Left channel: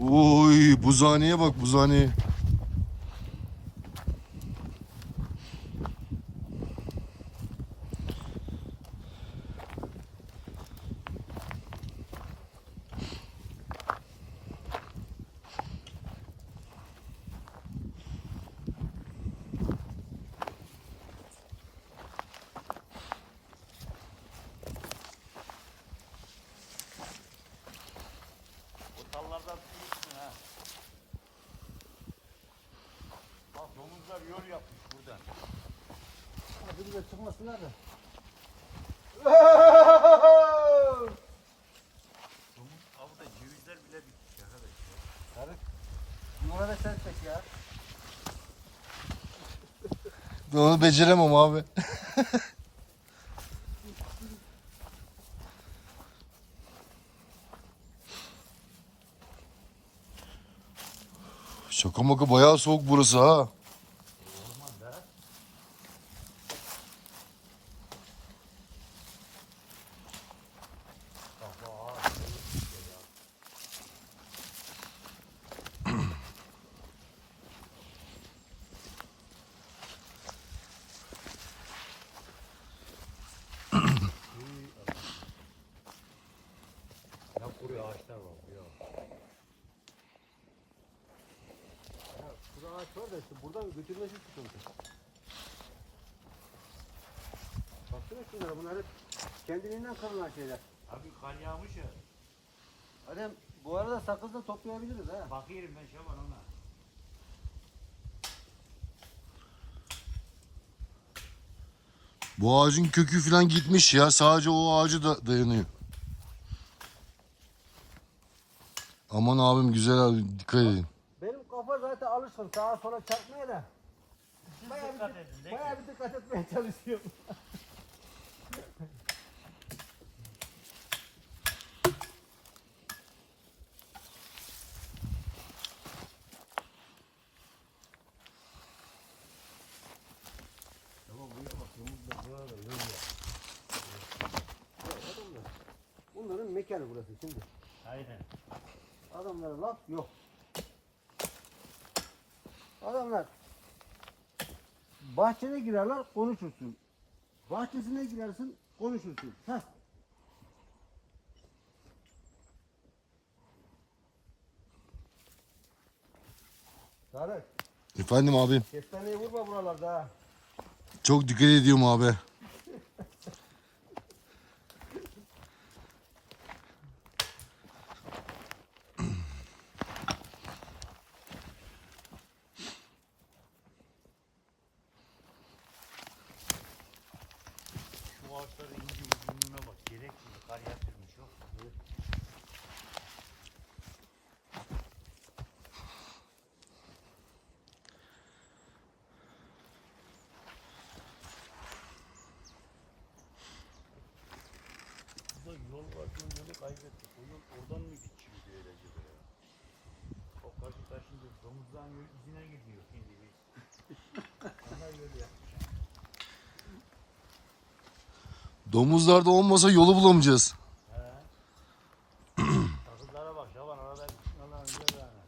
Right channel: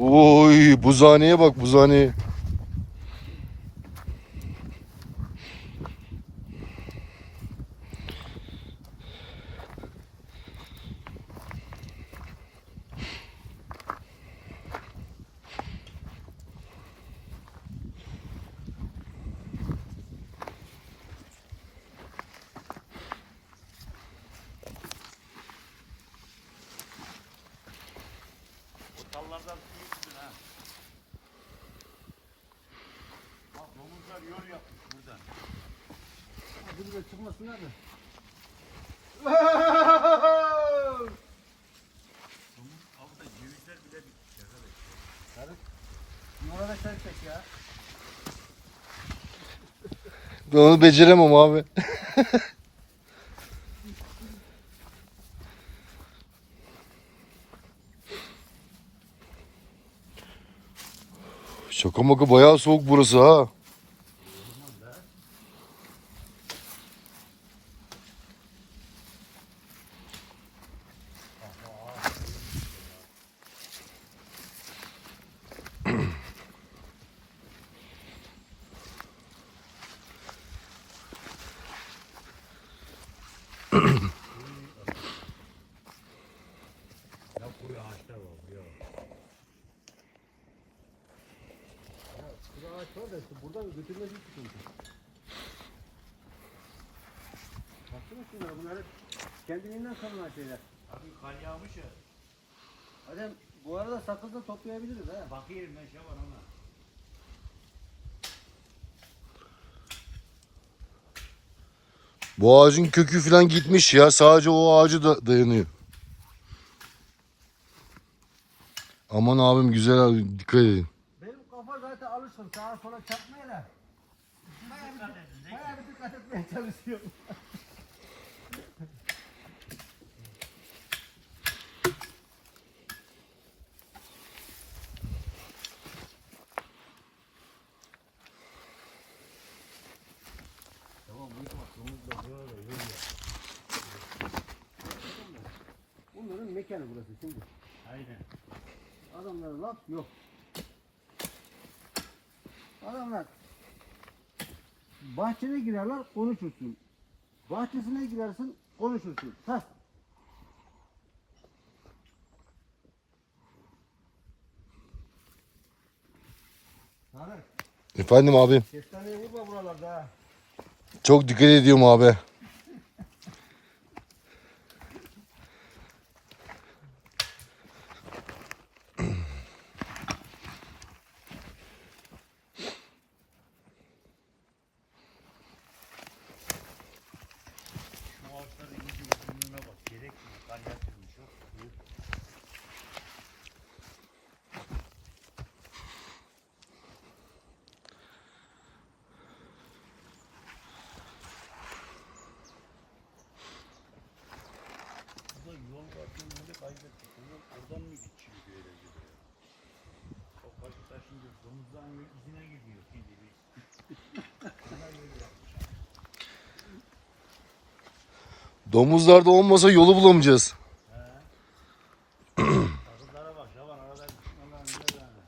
Oy buzhaneye bak buzhaneye. Da çıkmasınlar da. Onu beceremem abi. Şaka maka bayağı soğuk burası ha. Ya kuru ağaçlar var. Ya. Burada ağaç var da işte burada götürmesi sıkıntı. Baksana şunlara bunlar hep kendiliğinden salınan şeyler. Abi kar yağmış ya. Adam bu arada sakız da toplayabiliriz ha. Bakıyorum ben Şaban ona. Bu ağacın kökü falan gitmiş ya. Sadece o ağacı da dayanıyor. Aman abim güzel abi dikkat edin. Benim kafa zaten alışkın sağa sola çarpmaya da. Bayağı bir, bayağı bir dikkat etmeye çalışıyorum. Bunların mekanı burası şimdi. Aynen. Adamlara laf yok. Adamlar bahçene girerler konuşursun. Bahçesine girersin konuşursun. Heh. Tarık, Efendim abim. kestaneyi vurma buralarda ha. Çok dikkat ediyorum abi. Var, yolu kaybettik. O yol oradan mı geçiyor böyle gibi? O karşı taşınca domuzdan yol izine gidiyor şimdi biz. Ona yol yapmış. Domuzlarda olmasa yolu bulamayacağız. Takımlara bak Şaban arada yani.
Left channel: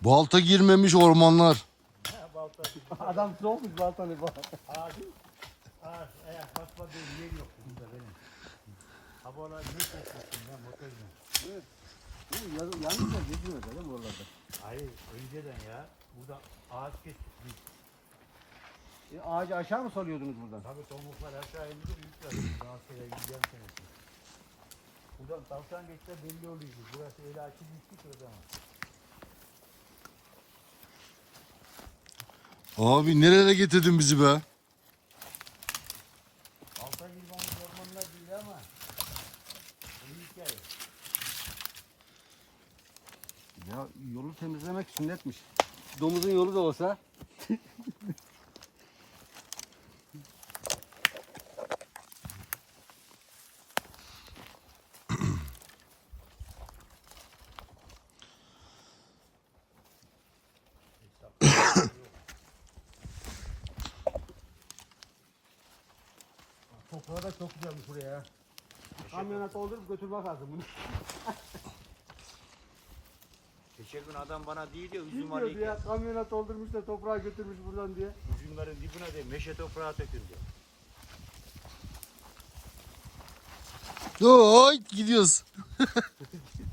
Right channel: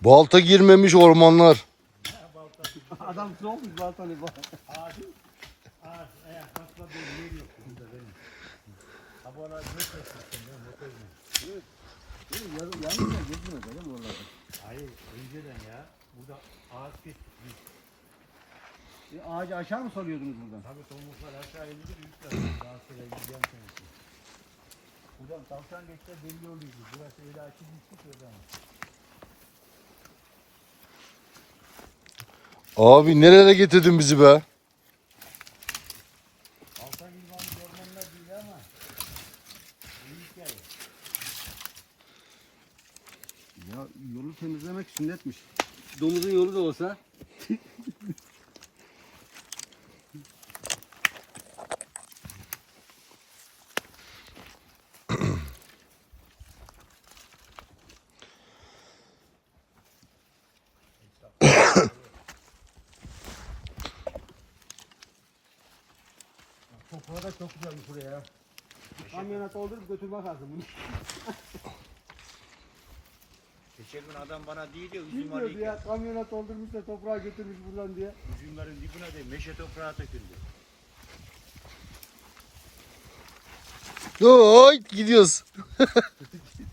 Balta girmemiş ormanlar. Adam soğuk zaten bu. abi. Ağaç ayak basma bir yer yok burada benim. Ha bu arada ne kesmişsin ben motorla. Yalnız da gezmiyor değil mi oralarda? Hayır önceden ya. Burada ağaç kestik biz. E, ağacı aşağı mı salıyordunuz buradan? Tabii tomruklar aşağı indi ilk var. Daha sonra gideceğim senesi. Buradan tavşan geçse belli oluyordu. Burası öyle açılmıştı ki o zaman. Abi nerelere getirdin bizi be? Altan İlvan'ın ormanlar değil ama. Bu hikaye. Ya yolu temizlemek sünnetmiş. Domuzun yolu da olsa. Burada çok güzelmiş buraya ya. Kamyona doldurup götürmek lazım bunu. Geçen gün adam bana değil ya üzüm Bilmiyordu alıyken ya kamyona doldurmuşlar toprağa götürmüş buradan diye. üzümlerin dibine de meşe toprağı döküldü. Oy gidiyoruz.